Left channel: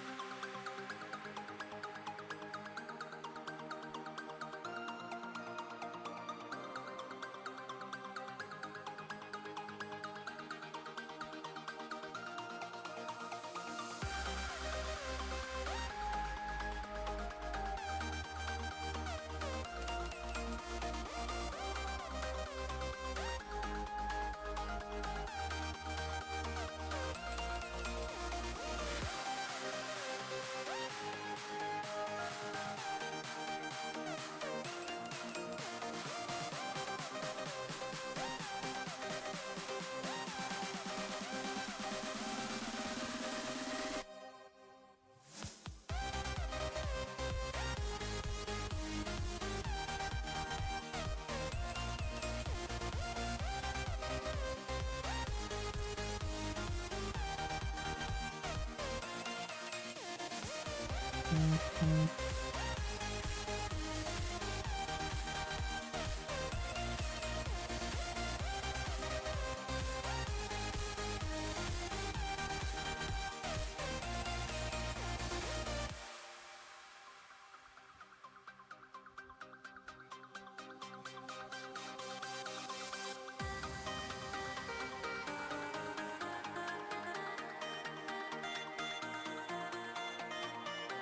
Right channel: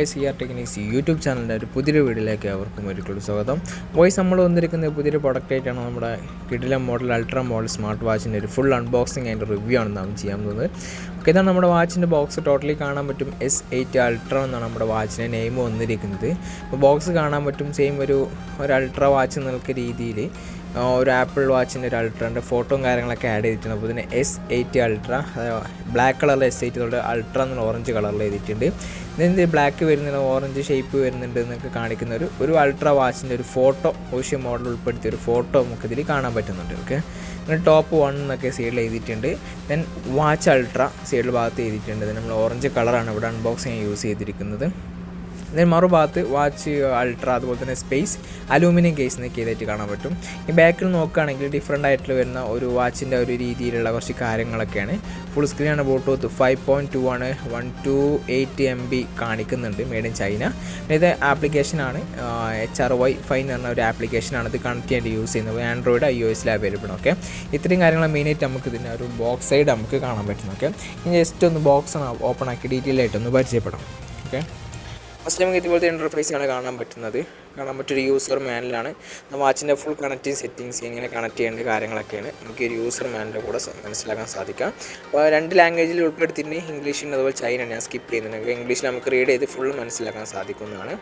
Guys here techniques YouTube ചാനലിൻ്റെ ഒരു പുതിയൊരു വീഡിയോയിലേക്ക് അവർക്കും ഒരിക്കലും സ്വാഗതം. വോയിസ് നമ്മൾ വന്നിരിക്കുന്ന പുതിയൊരു പ്രൊഡക്റ്റായിട്ടാണ് നമ്മുടെ കിഡിലം മോഡൽ അൾട്രാ മോഡൽ സ്മാർട്ട് വാച്ചിൻ്റെ ഒരു ഫുൾ അൺബോക്സിങ് അതിൻ്റെ റിവ്യൂ ആണ് നാം ചെയ്യാൻ പോകുന്നത്. ഓക്കെ, ഇതാണ് നമ്മുടെ വാച്ചിൻ്റെ ബോക്സ്. ടോട്ടലി കാണാൻ പറ്റും S8 അൾട്രാ എന്നാണ് നമ്മുടെ വാച്ചിൻ്റെ നെയിം വന്നിരിക്കുന്നത്. അപ്പോൾ ബോക്സ് കാണാൻ പറ്റും സെയിം ഒരു അൾട്രാ വാച്ച് എന്നുള്ള രീതിയിൽ ഒരു ആപ്പിൾ വാച്ചിൻ്റെ ഒരു അൾട്രാൻ്റെ ഫോട്ടോയും കാര്യങ്ങളൊക്കെ ആഡ് ചെയ്തിട്ടുണ്ട്. അപ്പോൾ ഇതിന് S8 അൾട്രാ ബ്ലാക്ക് കളറിൽ S8 അൾട്രാ എന്നുള്ള ഓറഞ്ച് കളറിൽ എഴുതിയിട്ടുണ്ട്. ഇതിൻ്റെ ബ്ലാക്ക് വരുന്നുണ്ട്, ഓറഞ്ച് ഷേപ്പ് വരുന്നുണ്ട് എന്നൊക്കെ കാണിക്കുന്ന ഒരു അൾട്രാ വാച്ചിൻ്റെ ഒരു ഫോട്ടോ ഓഷ്യൻ മോഡൽ ഉൾപ്പെടുത്തിയ ഒരു ഫോട്ടോ നമുക്കിതിൽ കാണാൻ പറ്റുന്നുണ്ട്. ഓക്കെ, പിന്നെ ടോപ്പ് 1 എന്നൊക്കെ സൈഡിൽ എഴുതിയിട്ടുണ്ട്. ദെൻ വാച്ച് അൾട്രാ സൈഡിൽ ഭാഗത്ത് എഴുതിയിട്ടുണ്ട്. നമ്മൾ ഓറഞ്ച് കളറാണ് ഇവിടെ അൺബോക്സിങ് യൂസ് ചെയ്തിരിക്കുന്നത്. ദെൻ മറുഭാഗത്ത് വാച്ച് അൾട്രാ, അതുപോലെ തന്നെ സ്പേസ് അലൂമിനിയം കേസ് എന്നൊക്കെ ചെയ്തിട്ട് കാണാൻ പറ്റും. ഈ ബാക്കിൽ നോക്കുകയാണെങ്കിൽ ഡിഫറെൻ്റ് ആയിട്ടുള്ള വരുന്ന ഒരു വാച്ചിൻ്റെ ഒരു രീതിയിലുള്ള കുറച്ച് കാര്യങ്ങളൊക്കെയാണ്. ഫുൾ സ്ക്രീനാണ്, ബ്ലൂടൂത്ത് 5.2 ആണ്, 128 MB കാണിക്കുന്നുണ്ട്, മെയ്ഡ് ഇൻ ചൈന. ഇത് ആപ്ലിക്കേഷനാണ് HRY5 എന്ന് പറഞ്ഞ ഒരു ആപ്ലിക്കേഷനാണ് ഇത് കണക്ട് ചെയ്യാൻ യൂസ് ചെയ്യുന്നത്. Android iOS available. ഓക്കെ, ഇത്രയും കാര്യങ്ങൾ മെയിനായിട്ട് നമുക്ക് ഇതിൻ്റെ ഒരു ബോക്സ് സൈഡ് നമുക്ക് കാണാൻ പറ്റും. ഓക്കെ, ഇനി ജസ്റ്റ് ഒന്ന് ബോക്സ് ഓപ്പൺ ആക്കി ഡീറ്റെയിൽ ആയിട്ടൊന്ന് പരിചയപ്പെടാം. ഓക്കെ, ഫസ്റ്റ് നമുക്ക് ഇതുപോലത്തെ ഇൻ്റർഫേസാണ് കാണാൻ പറ്റൊരു യൂസർ മാനുവലാണ്. വാച്ചിൻ്റെ ഫുൾ കണക്റ്റിംഗ് സെറ്റിങ്സ് എങ്ങനെ കണക്ട് ചെയ്യേണ്ട കാര്യങ്ങളൊക്കെയാണ് നമുക്ക് ഒരു യൂസർ മാനുവലിൻ്റെ കൂടെ മനസ്സിലാക്കാൻ സാധിക്കാം. അപ്പോൾ 2 ലാംഗ്വേജിൽ ഉൾപ്പെടുത്തിയിട്ട് ഇംഗ്ലീഷിൻ്റെ അതുപോലെ ചൈന ഞാൻ സ്കിപ്പ് ചെയ്യുന്നുണ്ട്. ഇംഗ്ലീഷിൽ നമുക്ക് റീഡ് ചെയ്ത് ഫുൾ മനസ്സിലാക്കാൻ സാധിക്കുന്നതാണ്.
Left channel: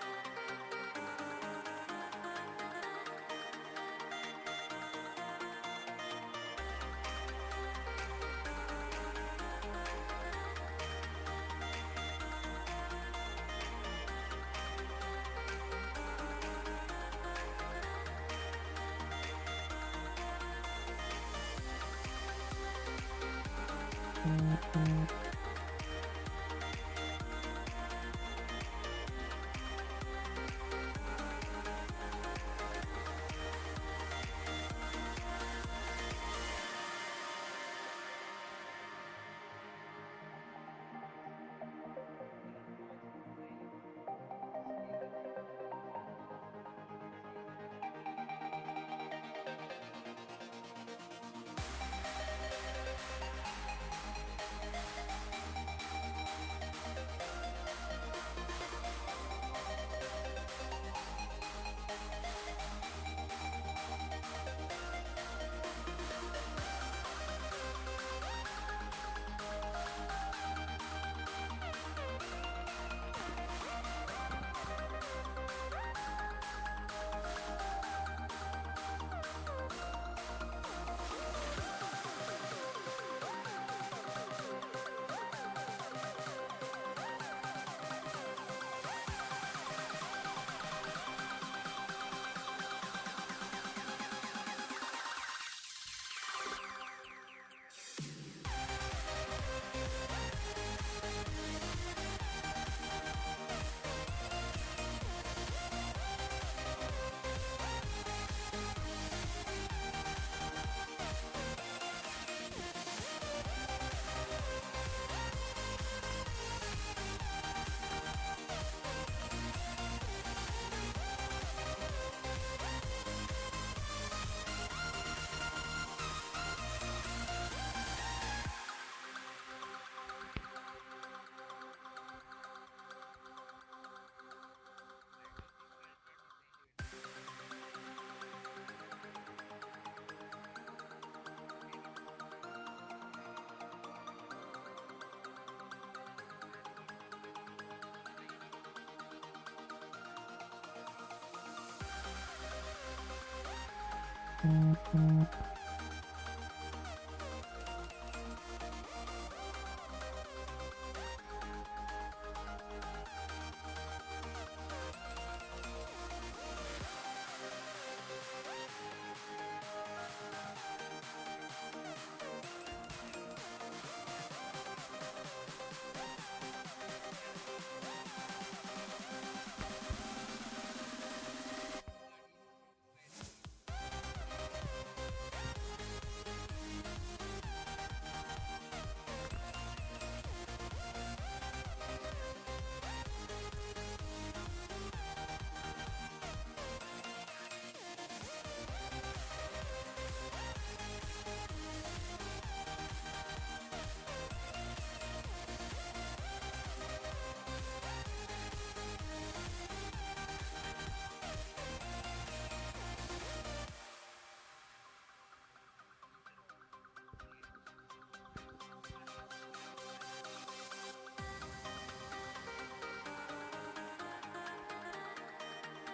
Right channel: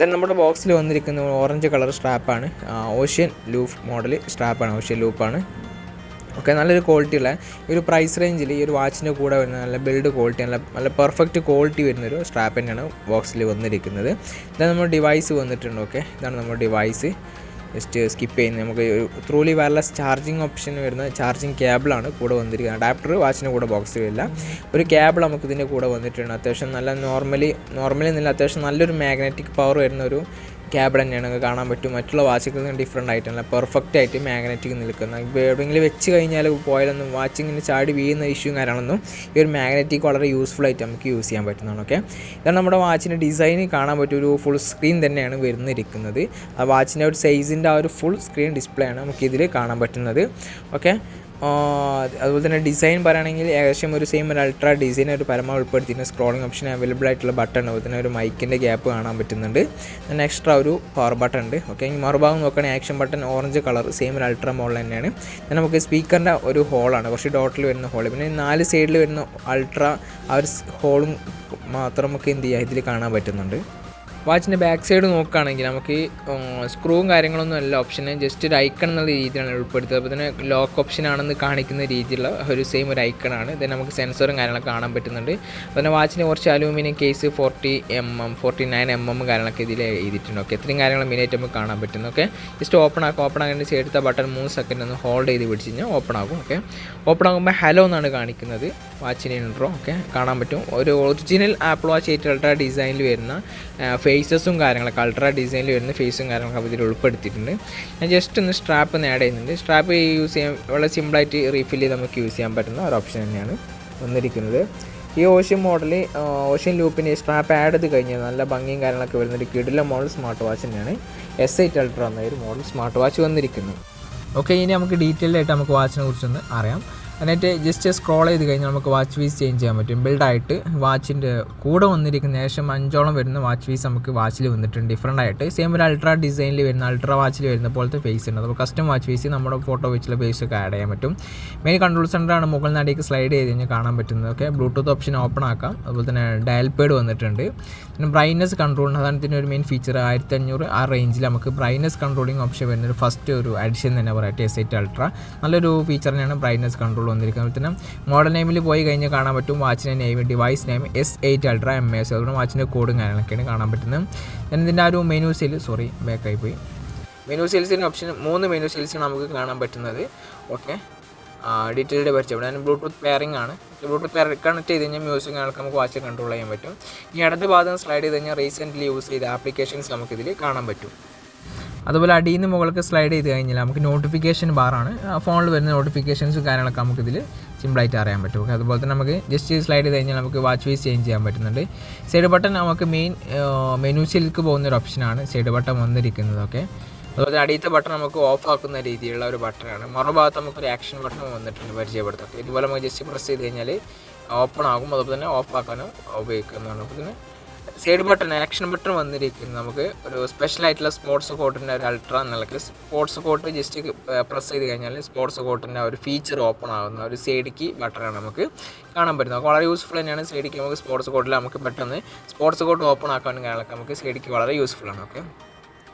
ദെൻ നമ്മുടെ ബോക്സിൽ വന്നിരിക്കുന്ന ഓറഞ്ച് കളർ സ്ട്രാപ്പാണ്, ഓഷ്യൻ ലൂപ്പ് മോഡൽ സ്ട്രാപ്പാണ്, ഓഷ്യൻ ലൂപ്പാണ്. ഓക്കെ, നല്ലൊരു ക്വാളിറ്റിയുള്ള ഈ ഒരു പ്രൈസ് റേഞ്ചിൽ ഈ ഒരു വാച്ചിൻ്റെ കൂടെ വരുന്ന നല്ല ബിൽഡ് ക്വാളിറ്റി, നല്ല പെർഫെക്റ്റ് ക്വാളിറ്റി വരുന്നൊരു സ്ട്രാപ്പ് തന്നെയാണ് ബോക്സിൽ വന്നിരിക്കുന്നത്. ഇതാണ് നമ്മുടെ ഡിവൈസ് വന്നിട്ടുണ്ട്. ഓക്കെ, ഇതാണ് നമ്മുടെ ഡിവൈസ്. ജസ്റ്റ് സ്കിപ്പ് ചെയ്യുന്നത് നമുക്ക് ത്രൂലി വയർലെസ് ചാർജിങ് ഓപ്ഷൻ വരുന്ന ചാർജിങ് കേബിളാണ് കൂടെ വന്നിരിക്കുന്നത്. അഡാപ്റ്റർ വാച്ചിൻ്റെ കൂടെ ബോക്സിൽ വരില്ല, ഒരു കേബിൾ നമുക്ക് ഇതിൻ്റെ കൂടെ വന്നിട്ടുണ്ട്. അത്യാവശ്യം നല്ല നോർമലി നല്ല അത്യാവശ്യം നല്ലൊരു മാഗ്നറ്റിക് പവർ വരുന്ന ഒരു കേബിൾ തന്നെയാണ് നമുക്ക് കാണാൻ പറ്റും. മറ്റുള്ള വാച്ചുകളിൽ നിന്ന് ഡിഫറെൻ്റ് ആയിട്ടല്ല, പെർഫെക്റ്റ് ആയിട്ട് മാഗ്നറ്റിക് നിൽക്കുന്ന. ഇപ്പോൾ എവിടെയെങ്കിലും വെച്ച് കഴിഞ്ഞാൽ പോയാലൊന്നും വാച്ചിങ്ങിന് ചാടി വീഴുന്ന ഇഷ്യൂ കാര്യങ്ങളൊന്നും ഈ ഒരു മാഗ്നറ്റിക് വളരെ യൂസ്ഫുൾ ആയിട്ട് നമുക്ക് യൂസ് ചെയ്യാൻ പറ്റുന്നതാണ്. ഓക്കെ, ഇതാണ് നമ്മുടെ വാച്ചിൻ്റെ ഡിസൈൻ. കാണാൻ പറ്റും ഒരു ഫുൾ സ്ക്രീൻ തന്നെയാണ് വരുന്നിരിക്കുന്നത്. ആ വാച്ചിൻ്റെ ഒരു സൈസിൻ്റെ ആ ഒരു ഫുൾ സ്ക്രീൻ ഡിസ്പ്ലേ ആണ് നമുക്കിതിൽ കാണാൻ പറ്റുന്നത്. ഓക്കെ, അതുപോലെ തന്നെ ഡിസൈൻ പറയുകയാണെങ്കിൽ ഏകദേശം ഒരു സെയിം ഒരു അൾട്രാ ഡിസൈൻ ഒരു പരമാവധി ഉൾപ്പെടുത്തിയിട്ട് സ്ക്രോളിംഗ് ഓപ്ഷൻ അവൈലബിൾ ആയിട്ടുള്ള ബട്ടൺ, അതുപോലെ തന്നെ ഒരു മൈക്കിൻ്റെ ഗ്യാപ്പ് കാണാൻ പറ്റുന്നുണ്ട്. പിന്നെ എക്സ്ട്രാ ഒരു പവർ ബട്ടൺ ഉണ്ട്. ഓക്കെ, ഈ മറുഭാഗം നോക്കുകയാണെങ്കിൽ action button orange colour same ഒരു അൾട്രാ മോഡൽ തന്നെയാണ്. പിന്നെ നമുക്ക് സ്പീക്കറിൻ്റെ ഒരു ഹോളാണ്, കുറച്ച് ഡോട്ടിൽ വരുന്ന ഹോൾ. പിന്നെ 4 സൈഡിൽ വരുന്ന അൾട്രാ ആ ഒരു ഹോളും മാത്രം നമുക്ക് എന്ത് ചെയ്യുക ഇതിൽ കാണാൻ പറ്റുന്നുണ്ട്. വാച്ചിൻ്റെ ബാക്ക് സൈഡ് നോക്കുകയാണെങ്കിൽ നമുക്ക് സ്ക്രൂവും കാര്യങ്ങളൊന്നും അല്ല ഓപ്ഷന്, ജസ്റ്റ് ഒരു ഐക്കൺ എന്നുള്ള രീതിയിലാണ് ഉൾപ്പെടുത്തുന്നത്. അപ്പോൾ തന്നെ ലോക്ക് ഓപ്ഷൻ ആണെന്ന് കാണിക്കുന്ന രീതിയിലുള്ള ഒരു സെയിം ഒരു ഐക്കണാണ്. ഇത് നമുക്ക് സെൻസറും കാര്യങ്ങളൊക്കെ കാണാൻ പറ്റുന്നുണ്ട്. പിന്നെ വാച്ചിന് കുറച്ച് അലൂമിനിയം കേസ് 40mm 49mm കാര്യങ്ങളൊക്കെ ഇതിൽ എഴുതിയിട്ടുണ്ട്. ഓക്കെ, ഇത്രയും കാര്യങ്ങൾ മെയിനായിട്ട് നമുക്ക് കാണാൻ പറ്റുന്നു. ഓക്കെ, ജസ്റ്റ് ഓപ്പൺ ആകാൻ എടുത്ത ബട്ടൺ 3 സെക്കൻഡ് ഒന്ന് ഹോൾഡ് ചെയ്ത് പിടിച്ച് കഴിഞ്ഞാൽ ഓപ്പൺ ആകും. ഓക്കെ, ഓപ്പൺ ആകുമ്പോൾ ഹലോ എന്നാണ് കാണിക്കുന്നത് വാച്ചിന് ഇൻട്രോ. ഓക്കെ, കാണാൻ പറ്റും ഒരു ഒറിജിനൽ ആപ്പിൾ വാച്ച് 8 അൾട്രാ ഡിസൈനിൽ വരുന്ന ഫേസസും കാര്യങ്ങളൊക്കെ അൾട്രാ ഡിസൈനിൽ വരുന്ന ഫേസും കാര്യങ്ങളൊക്കെ ഇതിൽ ഉൾപ്പെടുത്തിയിട്ടുണ്ട്. ഞാൻ ജസ്റ്റ് ഒന്ന് സ്ട്രാപ്പ് ഒന്ന് ആഡ് ചെയ്യുന്നുണ്ട്. സ്ട്രാപ്പ് യൂസ് ചെയ്യാൻ വളരെ സിമ്പിളായിട്ട് റീഫിൽ ചെയ്ത് നമുക്ക് യൂസ് ചെയ്യാൻ പറ്റുന്ന ഒരു ഓപ്ഷൻ തന്നെയാണ് വന്നിരിക്കുന്നത്. ഈ ഓഷ്യൻ മോഡൽ ഓഷ്യൻ ലൂപ്പിന് സ്ട്രാപ്പ് ആഡ് ചെയ്ത് കഴിഞ്ഞാൽ നല്ല ഭംഗിയും കാര്യങ്ങളൊക്കെ വരുന്നൊരു കിഡിലം മോഡൽ സ്മാർട്ട് വാച്ച് തന്നെയാണ് S8 അൾട്രാ എന്ന ഒരു മോഡൽ സ്മാർട്ട് വാച്ച് വന്നിരിക്കുന്നത്. ഓക്കെ, ഇനി നമുക്ക് ഡീറ്റെയിൽ ആയിട്ട് നമുക്ക് വാച്ചിനെ കുറിച്ചൊന്ന് അറിയാം. എന്നിട്ട് ജസ്റ്റ് സ്ക്രോൾ ചെയ്ത് കഴിഞ്ഞാൽ നമുക്ക് വാച്ച് ഫീസ് ചേഞ്ച് ചെയ്യാൻ പറ്റും. ബിൽഡായിട്ട് വാച്ചിൻ്റെ കൂടെ വന്നിരിക്കുന്ന ഏകദേശം 5ഓളം വരുന്ന വാച്ച് ഫീസ് നമുക്ക് വാച്ചിൽ വന്നിട്ടുണ്ട് ഡിഫറെൻ്റ് ആയിട്ട്. സെയിം ഒരു അൾട്രാ ഡിസൈനിൽ വരുന്ന അൾട്രാ വാച്ചിൽ വരുന്ന പോലത്തെ ഫേസ് ഉണ്ട്. അപ്പോൾ കസ്റ്റം വാച്ച് ഫീസ് നമ്മുടെ ഫോട്ടോ വെച്ചുള്ള ഫേസൊക്കെ ആഡ് ചെയ്യാൻ പറ്റും. മെയിൻ കൺട്രോൾ സെൻ്ററാണ് മുകളിൽ നടേക്ക് സ്ലൈഡ് ചെയ്ത് കഴിഞ്ഞാൽ കാണാൻ പറ്റുന്നത്. ഓക്കെ, ബ്ലൂടൂത്ത് ഓപ്ഷൻ ഓപ്പൺ ആക്കാം. അതുപോലെ തന്നെ ഡയൽ പേഡ് വന്നിട്ടുണ്ട്. പിന്നെ ബ്രൈറ്റ്നസ് കൺട്രോൾ, അതാണ് ഇതിൻ്റെ ഒരു മെയിൻ ഫീച്ചർ. 1500 ആ റേഞ്ചിൽ നമുക്ക് ബ്രൈറ്റ്നസ് കൺട്രോളിങ് ഓപ്ഷൻ വരുന്ന ഫസ്റ്റ് ഒരു അഡിഷൻ തന്നെ പറയട്ടെ S8 അൾട്രാ. നല്ലൊരു ഫീച്ചർ തന്നെയാണ് ബ്രൈറ്റ്നസ് കൺട്രോൾ വന്നിരിക്കുന്നത്. പിന്നെ മോഡൽ നെയിമിൽ പോയി കഴിഞ്ഞാൽ കാണാൻ പറ്റും വാച്ചിൻ്റെ name, device name S8 ultra MS, അതുകൊണ്ട് വാച്ചിൻ്റെ കോഡും കാര്യങ്ങളൊക്കെയാണ് കാണാൻ പറ്റുന്നത്. ഇതിൻ്റെ ആ ഒരു മെനു സെയിൽ ബാക്കായി പോയി. മെനു സെയിൽസിൻ്റെ ഓപ്ഷൻ 3 മെനു സെയിൽസാണ് നമുക്ക് കാണാൻ പറ്റുന്നത്. ഓക്കെ, ഡീറ്റെയിൽഡ് പരിചയം. ഇവിടെ ബ്ലൂടൂത്ത് പെയറിംഗ് ആണ്. ബ്ലൂടൂത്ത് പെയർ കണക്ട് ചെയ്ത് കഴിഞ്ഞാൽ മ്യൂസിക് കാര്യങ്ങളൊക്കെ നമുക്ക് വാച്ചിൽ കൺട്രോൾ ചെയ്യാൻ പറ്റും. ഈ അടുത്ത ഭാഗം സ്ലൈഡ് ചെയ്ത് കഴിഞ്ഞാൽ റീസെൻ്റ്ലി യൂസ് ചെയ്ത ആപ്ലിക്കേഷൻസ് നമുക്കിതിൽ കാണാൻ പറ്റും. അതുപോലെ അടിയിൽ നിന്ന് മുകൾക്ക് സ്ലൈഡ് ചെയ്ത് കഴിഞ്ഞാൽ നമുക്ക് നോട്ടിഫിക്കേഷൻ ബാറാണ്, ഫോണിൽ വരുന്ന നോട്ടിഫിക്കേഷൻസും കാര്യങ്ങളൊക്കെ നമുക്കിതിൽ സിമ്പിളായിട്ട് അറിയാൻ പറ്റും. ഓക്കെ, അതുപോലെ തന്നെ നമുക്ക് ജസ്റ്റ് സ്ലൈഡ് ചെയ്ത് കഴിഞ്ഞാൽ നമുക്ക് വാച്ച് ഫേസ് ചേഞ്ച് ചെയ്യാൻ പറ്റുന്നുണ്ട്. സൈഡ് ബട്ടൺ നമുക്ക് മെയിൻ മെനുസിലേക്ക് പോകുന്നൊരു ഓപ്ഷനാണ് സൈഡ് ബട്ടൺ വന്നിരിക്കുന്നത്. ഓക്കെ, അതുപോലെ അടിയത്തെ ബട്ടൺ നമുക്ക് ഓഫ് ആക്കുന്ന രീതിയിലുള്ള ഒരു ബട്ടണാണ്. മറുഭാഗത്ത് നമുക്കൊരു ആക്ഷൻ ബട്ടൺ വന്നിട്ടുണ്ട് പരിചയപ്പെടുത്താം. ഇതുപോലെ നമുക്ക് ജസ്റ്റ് പ്രസ് ചെയ്ത് കഴിഞ്ഞാൽ ഓപ്പൺ ആകും, അതുപോലെ തന്നെ ഓഫ് ആക്കാനും ഉപയോഗിക്കുന്നതാണ്. പിന്നെ സൈഡ് ബട്ടൺ ആക്ഷൻ ബട്ടൺ വന്നിരിക്കുന്നത് നമുക്ക് ഒരു സ്പെഷ്യലായിട്ടുള്ള സ്പോർട്സ് കോട്ടിൻ്റെ ഒരു അൾട്ര എന്നുള്ളത് സ്പോർട്സ് കോട്ട് ജസ്റ്റ് പ്രസ് ചെയ്ത് കഴിഞ്ഞാൽ സ്പോർട്സ് കോട്ടിൻ്റെ ഒരു ഫീച്ചർ ഓപ്പൺ ആകുന്ന ഒരു സൈഡ് കീ ബട്ടണാണ് നമുക്ക് കാണാൻ പറ്റുന്നത്. വളരെ യൂസ്ഫുൾ തന്നെയാണ് സൈഡ് കീ. നമുക്ക് സ്പോർട്സ് കോട്ടിൽ നമുക്ക് പെട്ടെന്ന് സ്പോർട്സ് കോട്ട് ഓപ്പൺ ആക്കാനും കാര്യങ്ങളൊക്കെ നമുക്ക് സൈഡ് കീ വളരെ യൂസ്ഫുൾ ആണ്. ഓക്കെ,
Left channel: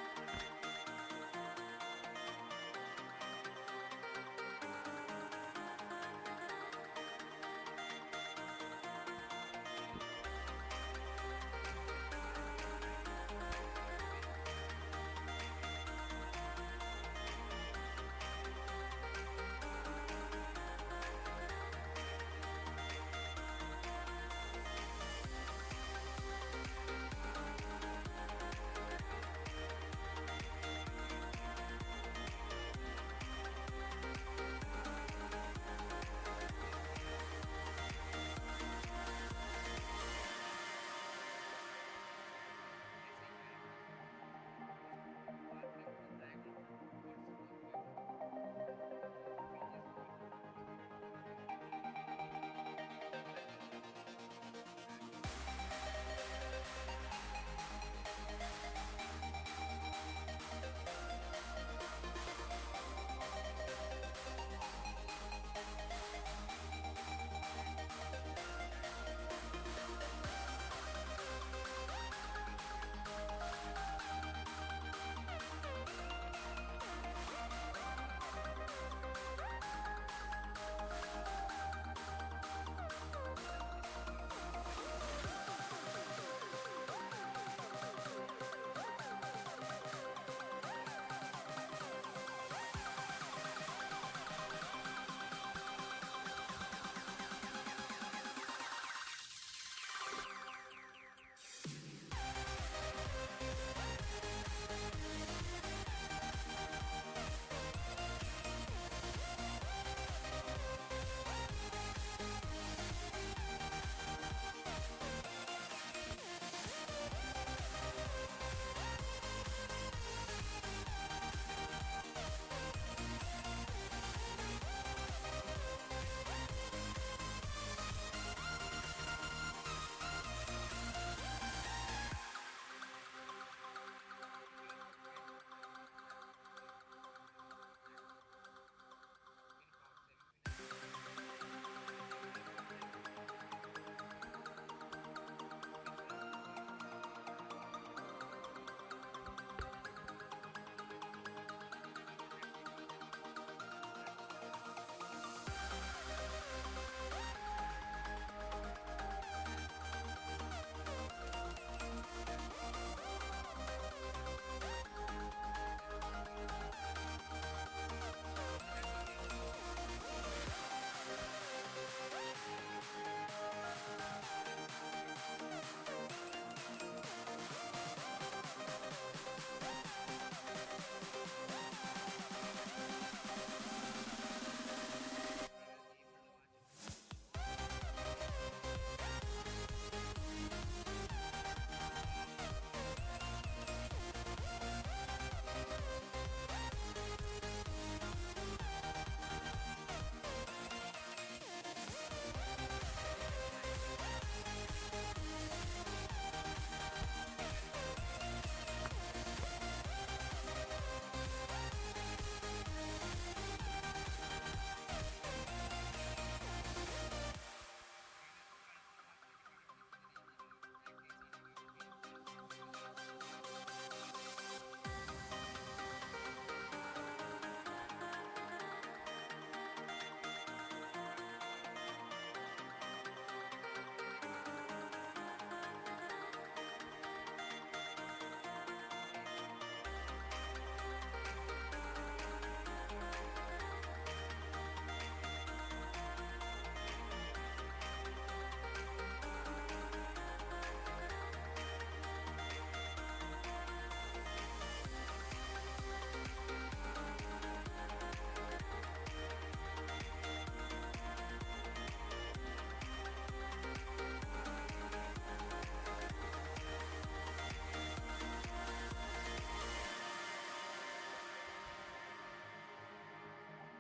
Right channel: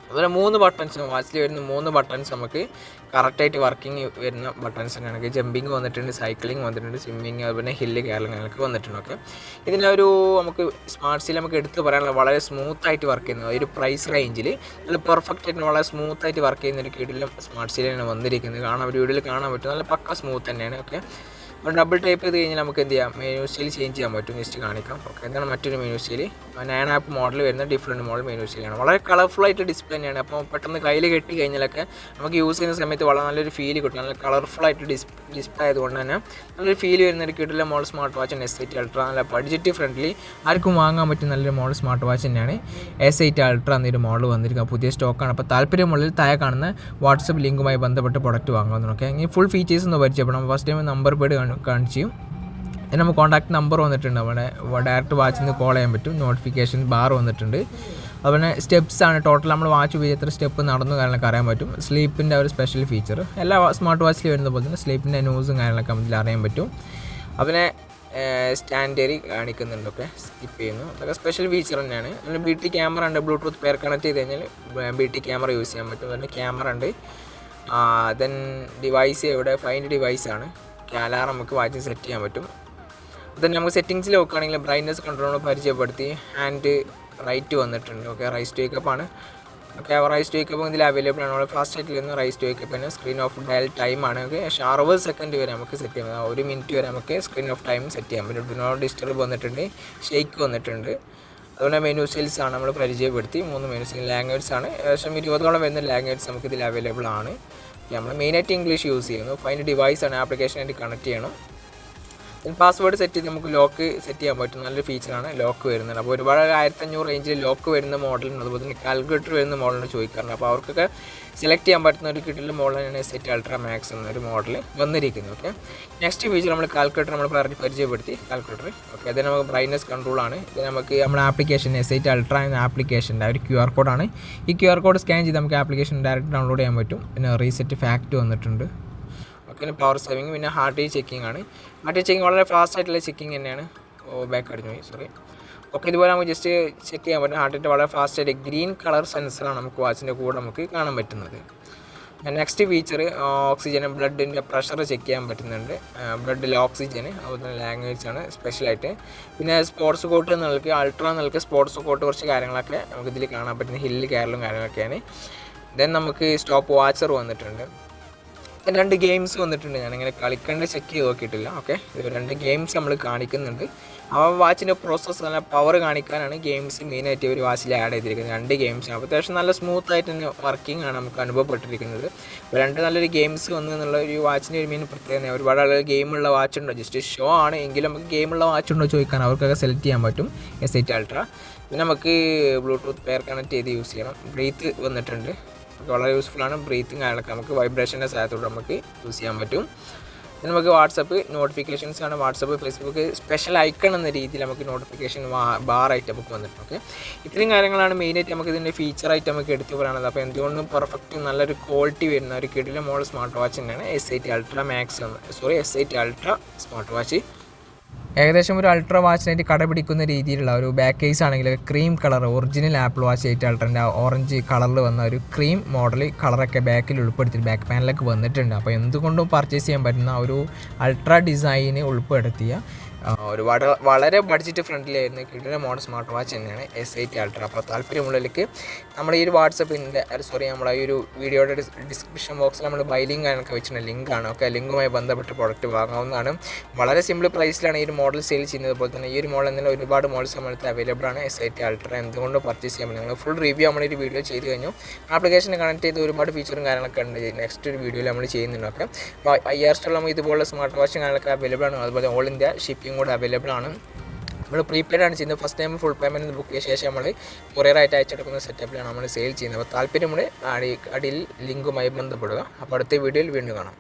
അതുപോലെ 3 ബട്ടൺസ് വാച്ചിൽ വരുന്ന 3 ബട്ടൺസ് നമുക്ക് കറക്റ്റായിട്ട് വർക്കിംഗ് വരുന്ന ബട്ടൺസ് തന്നെയാണ്. ജമ്പിങ് വന്നിട്ടുണ്ട്, സൈക്ലിംഗ് വന്നിട്ടുണ്ട്, സ്വിമ്മിങ്, അതുപോലെ ഹില്ല് കയറലൊക്കെ വന്നിട്ടുണ്ട്. ഓക്കെ, ഇതിൻ്റെ ഒരു നമുക്ക് സ്മാർട്ട് സീൽ നമുക്ക് എടുത്ത് പറയാനുള്ള വളരെ സ്മൂത്തായിട്ട് വർക്ക് ചെയ്യുന്നത് ഒരു പ്രൈസ് റേഞ്ചിൽ നല്ല പെർഫെക്റ്റ് ആയിട്ട് വളരെ സ്മൂത്തായിട്ട് വർക്ക് ചെയ്യുന്ന ഒരു കീഴിലും സ്മാർട്ട് സീലാണ് വന്നിരിക്കുന്നത്. കാണാൻ ഒരു വീഡിയോയിൽ കാണാൻ പറ്റും, നല്ല പക്ക സ്മൂത്ത് തന്നെയാണ്. ഓക്കെ, അപ്പോൾ ഡബിൾ ടൈപ്പ് ചെയ്ത് കഴിഞ്ഞാൽ നമുക്ക് എന്ത് ചെയ്യാം, മെനു സ്റ്റൈൽ ചേഞ്ച് ചെയ്യാൻ പറ്റും. ജസ്റ്റ് കാണിക്കാം. ഓക്കെ, ഇതാണ് മറ്റൊരു മെനു സ്റ്റൈൽ. 9 ആപ്പ് മോഡൽ വരുന്ന ഡിഫറെൻറ്റ് മോഡൽ മെനു സ്റ്റൈലാണ്. വളരെ കളർഫുൾ ആയിട്ട് ഡിസ്പ്ലേ തന്നെയാണ്. അപ്പോൾ പെട്ടെന്ന് കയ്യിൽ കെട്ടി കഴിഞ്ഞാലൊക്കെ നമുക്ക് യൂസ് ചെയ്യുന്ന സമയത്ത് വളരെ നല്ലൊരു ഫീൽ കിട്ടും. നല്ല കളർഫുൾ ആയിട്ട് ഡിസ്പ്ലേ ആയതുകൊണ്ട് തന്നെ നല്ലൊരു ഫീൽ വരുന്ന ഒരു കിട്ടുള്ള model smart watch S8 ultra. നല്ല ബഡ്ജറ്റ് ഫ്രണ്ട്ലി, ആർക്കും വാങ്ങാൻ പറ്റുന്ന നല്ലൊരു മോഡൽ സ്മാർട്ട് വാച്ച് തന്നെയാണ് S8 അൾട്ര എന്നൊരു മോഡൽ വന്നിരിക്കുക. പുതിയ സ്റ്റോക്കാണ്. അപ്പോൾ താല്പര്യമുള്ളിൽ താഴെ കാണുന്ന വാട്സപ്പ് ലിങ്കുമായി ബന്ധപ്പെട്ട് പ്രൊഡക്റ്റ് വാങ്ങുന്നു. ഓക്കെ, ഇനി ഫുൾ ഫീച്ചേഴ്സ് ഒന്ന് പരിചയപ്പെടാം. ഫസ്റ്റ് ടൈം നമ്പർ പേഡ് കാണിച്ചു. പിന്നെ നമുക്ക് കോൺടാക്ട് നമ്പർ വന്നിട്ടുണ്ട്. അവിടെ ഡയറക്റ്റ് വാച്ചിൽ നിന്ന് കോൾ ചെയ്യാൻ പറ്റും. നോട്ടിഫിക്കേഷൻ ബാർ വന്നിട്ടുണ്ട്. അതുപോലെ സ്റ്റെപ്സ് ആണ് ടോട്ടൽ നമ്മൾ വാച്ച് ഉപയോഗിച്ച് എത്ര സ്റ്റെപ്പ് നടന്നു കാര്യങ്ങളൊക്കെ അറിയാൻ പറ്റും. സ്ലീപ്പിൻ്റെ ഒരു സ്പെഷ്യൽ ഫീച്ചർ എല്ലാ സ്മാർട്ട് വാച്ചിൽ വരുന്ന പോലെ തന്നെ സ്ലീപ്പിൻ്റെ ന്യൂസും കാര്യങ്ങളൊക്കെ നമുക്ക് അറിയാൻ പറ്റും. അതിനെ സ്റ്റാൻഡേർഡ് കാണിക്കുന്നുണ്ട്. ഓക്കെ, സ്കിപ്പ് ചെയ്യുന്നു. അതൊക്കെ സ്പെഷ്യൽ ഫീച്ചർ തന്നെയാണ്. പിന്നെ BT ക്യാമറ ഉണ്ട്. ബ്ലൂടൂത്ത് പെയർ കണക്ട് ചെയ്ത് കഴിഞ്ഞാൽ BT ക്യാമറ യൂസ് ചെയ്യാൻ പറ്റും. അതുപോലെ ക്യാമറ ഉണ്ട്. ദെൻ ഡിവൈസ് ഇവിടെ ഫൈൻഡ് ഡിവൈസാണ്. അലാറം നമുക്ക് വാച്ചിൽ സെറ്റ് ചെയ്യാൻ പറ്റും. then നമുക്ക് സെറ്റിങ്സിൽ നോക്കുകയാണെങ്കിൽ ബ്രൈറ്റ്നസ് കൺട്രോൾ പരിചയപ്പെടുത്തി ഹാൻഡ് റൈറ്റ് വന്നിട്ടുണ്ട്. ഓക്കെ, റൈസ് ടു വേക്കപ്പ് ആണ്. ഓക്കെ, റൈസ് ടു വേക്കപ്പ് ഇതിൽ അവൈലബിൾ ആണ്. നമ്മൾ ഫാസ്റ്റ് ആയിട്ട് വരുന്ന റൈസ് ടു വേക്കപ്പിന് സ്ക്രീൻ ഓഫ് ഡയൽ ടൈം ആണ്. ഓക്കെ, 60 സെക്കൻഡ് വരെ നമുക്ക് സെറ്റ് ചെയ്യാം. 1 മിനിറ്റ് വരെ നമുക്ക് സ്ക്രീൻ ഓഫ് ടൈം സെറ്റ് ചെയ്യാൻ പറ്റും. ഡു നോട്ട് ഡിസ്റ്റർബ് വന്നിട്ടുണ്ട്, ഷേക്ക് വന്നിട്ടുണ്ട്. അതുപോലെ മെനു സെയിൽസ് ആണ് നമ്മൾ പരിചയപ്പെടുത്തി. 3 മെനു സെയിൽ ലാംഗ്വേജ് ആണ്. ഏകദേശം 20ഓളം വരുന്ന ലാംഗ്വേജ് നമുക്ക് ഇതിൽ അവൈലബിൾ ആണ്. നമ്മൾ മെയിനായിട്ട് ഇംഗ്ലീഷ് യൂസ് ചെയ്യുന്നു. ഫൈൻഡ് ഡിവൈസ് ആണ്, ആപ്ലിക്കേഷനായിട്ട് കണക്ട് ചെയ്യണം. പാസ്വേഡ് സെറ്റ് ചെയ്ത് നമുക്ക് ലോക്ക് സെറ്റ് ചെയ്യാൻ പറ്റും. നല്ലൊരു ഫീച്ചറാണ് ലോക്ക് വരുന്നത്. അപ്പോൾ ഒരുപാട് 1500 റേഞ്ചിൽ ലോക്ക് വരുന്ന മോഡലുണ്ട്. അതുപോലെ തന്നെ കാൽക്കുലേറ്റർ വരുന്ന മോഡലിന് ചോദിക്കാറുണ്ട്. അപ്പോൾ അവർക്കൊക്കെ സെലക്ട് ചെയ്യാൻ പറ്റുന്ന ഒരു കിട്ടുന്ന മോഡലാണ് S8 അൾട്ര മാക്സ് എന്നൊരു മോഡൽ വന്നിരിക്കുന്നത്. ഓക്കെ, നെക്സ്റ്റ് ഫീച്ചർ നമ്മൾ കാൽക്കുലേറ്റർ നമ്മൾ പരിചയപ്പെടുത്തി. കാൽക്കുലേറ്റർ ഓക്കെ, അത് നമുക്ക് ബ്രൈറ്റ്നസ് കൺട്രോളാണ്. ഇത് നമുക്ക് നമ്മുടെ ആപ്ലിക്കേഷൻ S8 അൾട്ര എന്ന ആപ്ലിക്കേഷൻ്റെ ഒരു QR കോഡാണ്. ഈ QR കോഡ് സ്കാൻ ചെയ്ത് നമുക്ക് ആപ്ലിക്കേഷൻ ഡയറക്റ്റ് ഡൗൺലോഡ് ചെയ്യാൻ പറ്റും. പിന്നെ റീസെറ്റ് ഫാക്റ്റ് വന്നിട്ടുണ്ട്. ഓക്കെ, പവർ സേവിങ്, പിന്നെ ഹാർട്ട് റേറ്റ് ചെക്കിംഗ് ആണ്. ഹാർട്ട് റേറ്റ് ചെക്കിങ് വളരെ ഫാസ്റ്റ് ആയിട്ടുള്ള ചെക്കിങ് തന്നെയാണ്. ബാക്ക് അടിഞ്ഞു പോയി, സോറി. ഓക്കെ, ഇതുപോലെ നമുക്ക് ജസ്റ്റ് ചെക്ക് ചെയ്യാൻ പറ്റും. ഹാർട്ട് റേറ്റ് വളരെ ഫാസ്റ്റ് ആയിട്ട് ഗ്രീൻ കളർ സെൻസറാണ് നമുക്ക് വാച്ചിൻ്റെ കൂടെ നമുക്ക് കാണാൻ പറ്റുന്നത്. നെക്സ്റ്റ് ഫീച്ചർ ഓക്സിജൻ, ബ്ലഡിൻ്റെ പ്രഷർ ചെക്ക് ചെയ്യാൻ പറ്റുന്നുണ്ട്. ബ്ലഡിൽ ഓക്സിജൻ, അതുപോലെ ലാംഗ്വേജ് ആണ് സ്പെഷ്യലായിട്ട്. പിന്നെ സ്പോർട്സ് കോട്ട് എന്നുള്ളത് അൾട്ര എന്നുള്ളത് സ്പോർട്സ് കോട്ട് കുറച്ച് കാര്യങ്ങളൊക്കെ നമുക്ക് ഇതിൽ കാണാൻ പറ്റുന്ന ഹില്ല് കയറലും കാര്യങ്ങളൊക്കെയാണ്. ദെൻ നമുക്ക് സ്റ്റോപ്പ് വാച്ചർ വന്നിട്ടുണ്ട്. 2 ഗെയിംസ് വന്നിട്ടുണ്ട്. ഞാനിങ്ങനെ കളിക്കേണ്ട ചെക്ക് ചെയ്ത് നോക്കിയിട്ടില്ല. ഓക്കെ, 2 ഗെയിംസ് നമ്മൾ കാണിക്കുന്നുണ്ട്. ആ വാച്ചിൻ്റെ പ്രോസസ്സ് നല്ല പവർ കാണിക്കാനാണ് ഗെയിംസ് മെയിനായിട്ട് ഒരു വാച്ചിൽ ആഡ് ചെയ്തിരിക്കുന്നത്. 2 ഗെയിംസാണ്. അപ്പോൾ അത്യാവശ്യം നല്ല സ്മൂത്തായിട്ട് തന്നെ വർക്കിംഗ് ആണ് നമുക്ക് അനുഭവപ്പെട്ടിരിക്കുന്നത്. ഇപ്പോൾ 2 നല്ലൊരു ഗെയിംസ് വന്നു എന്നുള്ള ഒരു വാച്ചിൻ്റെ ഒരു മെയിൻ പ്രത്യേകത. ഒരുപാട് ആളുകൾ ഗെയിമുള്ള വാച്ചുണ്ടോ, ജസ്റ്റ് ഷോ ആണ് എങ്കിലും നമുക്ക് ഗെയിമുള്ള വാച്ചുണ്ടോ ചോദിക്കാൻ അവർക്കൊക്കെ സെലക്ട് ചെയ്യാൻ പറ്റും S8 അൾട്ര. പിന്നെ നമുക്ക് ബ്ലൂടൂത്ത് പെയർ കണക്ട് ചെയ്ത് യൂസ് ചെയ്യണം. ബ്രീത്ത് വന്നിട്ടുണ്ട്, വളരെ യൂസ്ഫുള്ളാണ്. ബ്രീത്തിങ് ആയാലൊക്കെ നമുക്ക് വൈബ്രേഷൻ്റെ സഹായത്തോടെ നമുക്ക് യൂസ് ചെയ്യാൻ പറ്റും. പിന്നെ നമുക്ക് വാട്സപ്പ് നോട്ടിഫിക്കേഷൻസ് ആണ്. വാട്സപ്പ്, ഫേസ്ബുക്ക് സ്പെഷ്യൽ ഐക്കൺ എന്ന രീതിയിൽ നമുക്ക് നോട്ടിഫിക്കേഷൻ ബാറായിട്ട് നമുക്ക് വന്നിട്ടുണ്ട്. ഓക്കെ, ഇത്രയും കാര്യങ്ങളാണ് മെയിനായിട്ട് നമുക്ക് ഇതിൻ്റെ ഫീച്ചറായിട്ട് നമുക്ക് എടുത്തു പറയാനുള്ളത്. അപ്പോൾ എന്തുകൊണ്ടും പെർഫെക്റ്റ് നല്ലൊരു ക്വാളിറ്റി വരുന്ന ഒരു കിടില മോഡൽ സ്മാർട്ട് വാച്ച് തന്നെയാണ് S8 ultra max S8 ultra smart watch. ഏകദേശം ഒരു അൾട്ര വാച്ചിനായിട്ട് കടപിടിക്കുന്ന രീതിയിലുള്ള ഒരു ബാക്ക് കേസ് ആണെങ്കിൽ cream colour original apple watch 8 അൾട്രൻ്റെ ഓറഞ്ച് കളറിൽ വന്ന ഒരു ക്രീം മോഡൽ കളറൊക്കെ ബാക്കിൽ ഉൾപ്പെടുത്തി ബാക്ക് പാനലൊക്കെ വന്നിട്ടുണ്ട്. അപ്പോൾ എന്തുകൊണ്ടും പർച്ചേസ് ചെയ്യാൻ പറ്റുന്ന ഒരു അൾട്ര ഡിസൈന് ഉൾപ്പെടുത്തിയ ഒരുപാട് വളരെ ബഡ്ജറ്റ് ഫ്രണ്ട്ലി ആയിരുന്നു കിട്ടുന്ന മോഡൽ സ്മാർട്ട് വാച്ച് തന്നെയാണ് S8 അൾട്ര. അപ്പോൾ താല്പര്യമുള്ളവർക്ക് നമ്മുടെ ഈ ഒരു വാട്സപ്പിൻ്റെ നമ്മുടെ ഈ ഒരു വീഡിയോയുടെ ഡിസ്ക്രിപ്ഷൻ ബോക്സിൽ നമ്മൾ ബൈ ലിങ്ക് ഒക്കെ വെച്ചിട്ടുണ്ട്, ലിങ്കാണ്. ഒക്കെ ലിങ്കുമായി ബന്ധപ്പെട്ട് പ്രോഡക്റ്റ് വാങ്ങാവുന്നതാണ്. വളരെ സിമ്പിൾ പ്രൈസിലാണ് ഈ ഒരു മോഡൽ സെയിൽ ചെയ്യുന്നത്. പോലെ തന്നെ ഈ ഒരു മോഡൽ എന്നാൽ ഒരുപാട് മോഡൽസ് നമ്മളടുത്ത് അവൈലബിൾ ആണ്. S8 അൾട്ര എന്തുകൊണ്ട് പർച്ചേസ് ചെയ്യാൻ പറ്റും. നിങ്ങൾ ഫുൾ റിവ്യൂ നമ്മൾ ഒരു വീഡിയോ ചെയ്ത് കഴിഞ്ഞു. ആപ്ലിക്കേഷൻ കണക്ട് ചെയ്ത് ഒരുപാട് ഫീച്ചറും കാര്യങ്ങളൊക്കെ ഉണ്ട്. നെക്സ്റ്റ് ഒരു വീഡിയോയിൽ നമ്മൾ ചെയ്യുന്നുണ്ടൊക്കെ. അപ്പോൾ 5000 സ്റ്റോളം ഇതുപോലുള്ള സ്മാർട്ട് വാച്ചും കാര്യങ്ങളൊക്കെ അവൈലബിൾ ആണ്. അതുപോലെ ഓൾ ഇന്ത്യ ഷിപ്പിംഗ് കൂടെ അവൈലബിൾ ആണ്. നമ്മൾ പ്രീപെയ്ഡ് ആണ് ചെയ്യുന്നത്. First time full payment book ചെയ്ത ശേഷം നമ്മൾ കൊറിയറായിട്ട് അയച്ചെടുക്കുന്ന സെറ്റപ്പിലാണ് നമ്മൾ സെയിൽ ചെയ്യുന്നത്. അപ്പോൾ താല്പര്യമുള്ള അടിയിൽ ലിങ്കുമായി ബന്ധപ്പെടുക. അപ്പോൾ അടുത്ത വീഡിയോയിൽ വീണ്ടും കാണാം.